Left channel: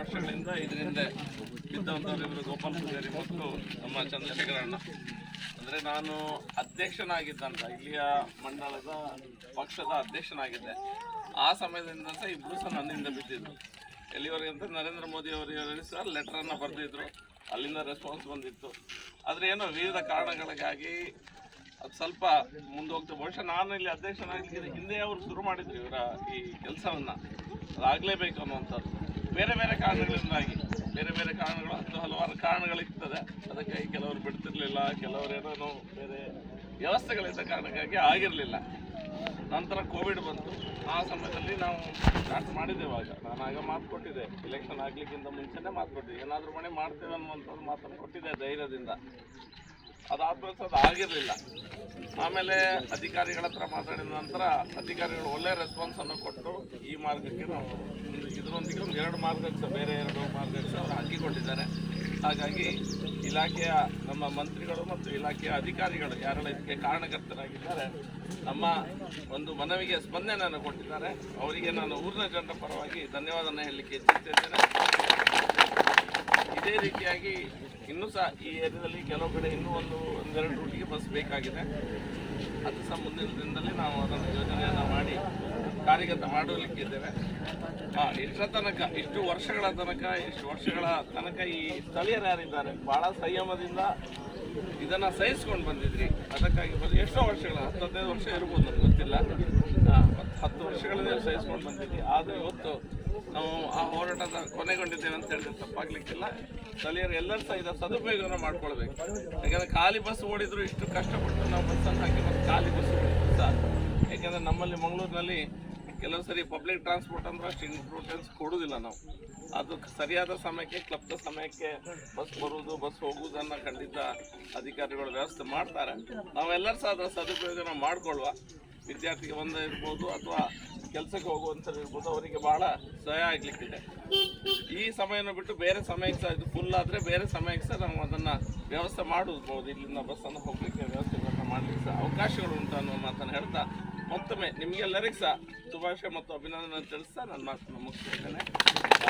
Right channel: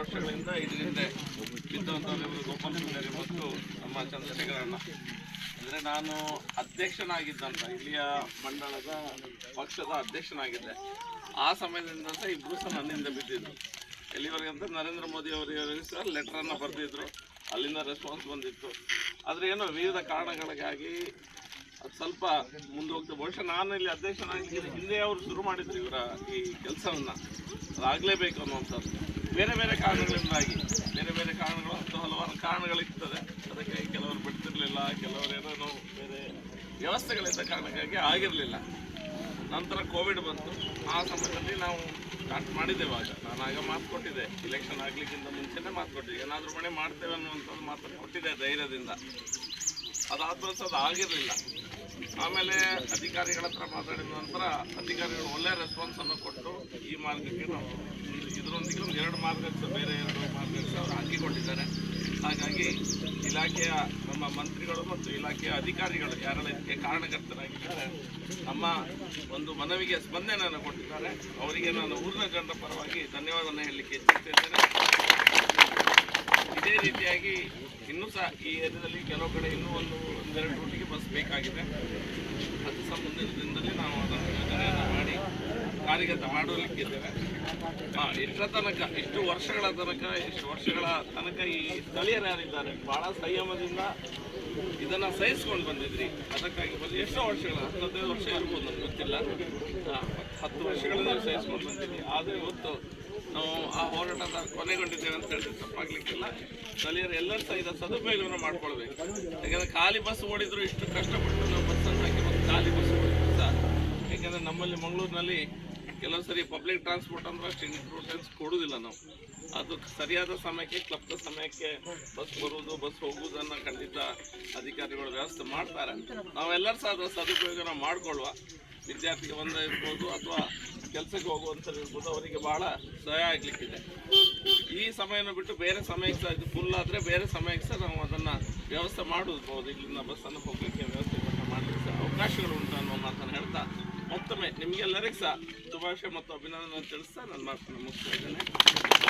ವರ್ಷಗಳಿಂದ ಇದರಿಂದ ಬಿದ್ದಂಥವರಿಬ್ಬರು ಗೋಪಾಲ್ ಪೂಜಾರಿ ಮತ್ತು ನಮ್ಮ ಚಂದ್ರಶೇಖರಣ್ಣ. ಅಂದರೆ ನಾನು ಅಧ್ಯಕ್ಷನಾಗಿದ್ದಂಥ ಇಲ್ಲಿಯ ಮಂಡಳದ ಪಕ್ಷದ ಅಧ್ಯಕ್ಷನಾಗಿದ್ದೆ. ಆ ಸಮಯದಿಂದ ಸಹ ಇಬ್ಬರು ಸಹ ನನ್ನಿಂದ ಬಿದ್ದಿದ್ರು. ಎಲ್ಲಿವರೆಗೆ ಅಂತ ನರೇಂದ್ರ ಮೋದಿ ಅವರಿಗೆ ಸಹ ಲೆಟ್ರನ್ನು ಬರೆದಿದ್ರು, ಅಲ್ಲಿಂದ ರೆಸ್ಪಾನ್ಸ್ ಬಂದಿತ್ತು. ಆದರೆ ಏನೋ ವಿವಿಧ ಕಾರಣಗಳಿಗಾಗಿ ಅದು ಸ್ವಲ್ಪ ಮುಂದೆ ಹೋಗ್ತದೆ. ಬಹುಶಃ ನಾನು ಇಲ್ಲಿ ಅಧ್ಯಕ್ಷನಾಗಿ ಹಿಂದೆ ಅವರು ಶುರು ಮಾಡಿದ್ರು ಇವರ ಈ ಕೆಲಸವನ್ನು, ಅದಾಗಲೇಬೇಕು ಅನ್ನುವಂಥದ್ದು. ಬೇರೆ ಬೇರೆ ಕಾರಣಗಳಿಂದಾಗಿ, ಬೇರೆ ಬೇರೆ ಕಾರಣಗಳು ಅಂತ ಹಲವಾರು ಕಾರಣಗಳಿರ್ತದೆ. ಅದಕ್ಕಾಗಿ ಕೆಲವರು ಬಿಡ್ತಿರ್ಲಿಲ್ಲ, ಕೆಲವರೇನೋ ಬೇರೆ ವ್ಯವಸ್ಥೆಗಳಿಂದ ಕಾರಣಕ್ಕಾಗಿ ಆಗಿರಲಿಲ್ಲ. ನಂತರ ಕೋವಿಡ್ ಬಂತು. ಆ ಸಮಯದಲ್ಲಿ ನಾವು ಸ್ಟಾರ್ಟ್ ಮಾಡಿದ್ದೇವಾಗ ನಾನು ಆಗ ಮಾತು ಕೊಟ್ಟಿದ್ದೆ, ಇಲೆಕ್ಷನ್ ಆಗಲಿಕ್ಕಿಂತ ಮುಂಚೆನೇ ಮಾತು ಕೊಟ್ಟಿದ್ದೆ, ಏನಾದರೂ ಮನೆ ಮಾಡ್ತೇವೆ ಅನ್ನುವಂಥದ್ದು ಮಾತನ್ನು ಕೊಟ್ಟಿದ್ದೆ ಧೈರ್ಯದಿಂದ. ಅದಾದ್ಮೇಲೆ ಸಹ ಅದು ಆಗಿರಲಿಲ್ಲ. ಆಮೇಲೆ ಅಧಿಕಾರಿಗಳ ಹತ್ರ ಮಾತಾಡಿದ ನಂತರ ಅಧಿಕಾರಿಗಳು ಒಳ್ಳೆಯ ರೆಸ್ಪಾನ್ಸನ್ನು ಕೊಟ್ಟು ಈ ಮಾರ್ಗಕ್ಕೆ ನಾವು ಇದರೊಂದಿಗೆ ಒಂದು 2 ಮಾರ್ಗಕ್ಕೆ ಸಹ, ಬೇರೆ 2 ಮಾರ್ಗಕ್ಕೆ ಸಹ ಅವರು ಹಾಕಿಕೊಂಡಿದ್ದಾರೆ. ಹಾಗಾಗಿ ಇಲಾಖೆಯ ನಮ್ಮ ಮಂತ್ರಿಗಳು ಮತ್ತು ಇಲಾಖೆಯ ಅಧಿಕಾರಿಗಳು ಯಾರೆಲ್ಲ ಇದಕ್ಕೆ ಕಾರಣಕರ್ತರಾಗಿದ್ದಾರೆ, ನಮ್ಮ ಒಂದು ಮನವಿಗೆ ಸ್ಪಂದನೆಯನ್ನು ಕೊಟ್ಟಿದ್ದಾರೆ. ಅವರಿಗೆ ನಾನು ಊರಿನ ಜನರ ಪರವಾಗಿ ಧನ್ಯವಾದವನ್ನು ಹೇಳಲಿಕ್ಕೆ ಇಚ್ಛಿಸುತ್ತೇನೆ. ಇದೇ ರೀತಿಯಾಗಿ ಇನ್ನೂ ಸಹ ಈ ಏರಿಯಾದಲ್ಲಿ ಕೆಲವು ಕಡೆ ಇನ್ನೂ ಒಂದೆರಡು ರೂಟಿಗೆ ಬಸ್ ಬೇಕಾಗಿದೆ. ಅದು ಸಹ ಮುಂದಿನ ದಿನದಲ್ಲಿ ನಾವು ಅದನ್ನು ಯೋಜನೆಯನ್ನು ಮಾಡಿ ಕಾರ್ಯಗತ ಮಾಡಲಿಕ್ಕಿದ್ದೇವೆ. ಇಷ್ಟು ವರ್ಷಗಳ ತನಕ ಈ ಸ್ಥಳೀಯರು ಯಾರಿದ್ದಾರೆ ಭಾಳ ಸಂಯಮದಿಂದ ಇದನ್ನು ಸಹಿಸ್ಕೊಂಡು ಬಂದಿದ್ರಿ. ಅದಕ್ಕಾಗಿ ಎಷ್ಟೋ ವರ್ಷಗಳ 15 ವರ್ಷ ಇರ್ಬೋದು, ನಮ್ಗೆ ಗೊತ್ತಿಲ್ಲ, 10 ವರ್ಷಗಳಿಂದ ಸಹಿಸ್ಕೊಂಡು ಬಂದಿದ್ವಿ. ಆದರೆ ಇವತ್ತು ನಾವು ಆ ಹೋರಾಟದ ಕೊನೆಗೊಂಡಿದ್ದೇವೆ ಅಂತ ಹೇಳಿದ್ರೆ ತಪ್ಪಾಗಲಿಕ್ಕಿಲ್ಲ. ಸ್ಥಳೀಯರು ಎಲ್ಲರೂ ಸಹ ಇದರ ಸದುಪಯೋಗವನ್ನು ಮಾಡ್ಕೊಳ್ಬೇಕು. ಯಾಕೆಂದರೆ ಖಾಲಿ ಬಸ್ ಓಡಿದ್ರು ಇಷ್ಟು ಕಷ್ಟಪಟ್ಟು ನಾವು ಬಸ್ಸನ್ನು ಹಾಕಿ ಮತ್ತು ಖಾಲಿ ಬಸ್ ಓಡಿದ್ರು ಸಹ, ಯಾಕೆಂದರೆ ನಮ್ಮಲ್ಲಿ ಮಂಗಳೂರಿನಲ್ಲಿ ಕೆಲವು ಸರಿ ಪಬ್ಲಿಕ್ ಟ್ರಾನ್ಸ್ಪೋರ್ಟ್ ಅಂದ್ರೆ ಅಷ್ಟು ಇಂಪಾರ್ಟೆನ್ಸ್ ಕೊಡೋದಿಲ್ಲ ನಾವು. ಅದು ಸರಿಯಾದ ಸಮಯಕ್ಕೆ, ಕ್ಲಬ್ದ ಸಮಯಕ್ಕೆ ಬಸ್ ಬರುವುದು, ಬಸ್ ಹೋಗುವುದನ್ನು ಖಂಡಿತ ಅಧಿಕಾರಿಗಳು ವ್ಯವಸ್ಥೆ ಮಾಡ್ತಾರೆ. ನಾವೆಲ್ಲರೂ ಸಹ ಅದರ ಸದುಪಯೋಗನ ಮಾಡಿಕೊಳ್ಳುವ. ವಿದ್ಯಾರ್ಥಿಗೆ ಇರ್ಬೋದು ಅಥವಾ ಕೆಲಸಕ್ಕೆ ಹೋಗುವಂಥದ್ದು ಇರ್ಬೋದು, ಅವರಿಗೆ ಭಾಳ ಸಹಾಯ ಆಗಲಿಕ್ಕಿದೆ. ಈ ಸಮಯನ ಬಿಟ್ಟು ಬೇರೆ ಸಮಯಕ್ಕೆ ಸಹ ಇದು ಫುಲ್ ಆದರೆ ಬೇರೆ ಸಮಯಕ್ಕೆ ಸಹ ನಾವು ಅದನ್ನು ವ್ಯವಸ್ಥೆ ಮಾಡಬಹುದು. ಇಲ್ಲಿಂದ ಬಸ್ಸನ್ನು ಹೋಗಲಿಕ್ಕೆ ವ್ಯವಸ್ಥೆಗಳನ್ನು ಮಾಡಲಿಕ್ಕೆ ಸಹ ಅವಕಾಶಗಳು ಉಂಟು ಅನ್ನೋ ಮಾತನ್ನು ಹೇಳ್ತಾ ಮತ್ತೊಮ್ಮೆ ನಿಮಗೆಲ್ಲರಿಗೂ ಸಹ ಶುಭಾಶಯ ಮತ್ತು ಅಭಿನಂದನೆ ತಿಳಿಸ್ತಾ ನನ್ನ ಮಾತನ್ನು ಮುಗಿಸ್ತಾ ಇದ್ದೇನೆ.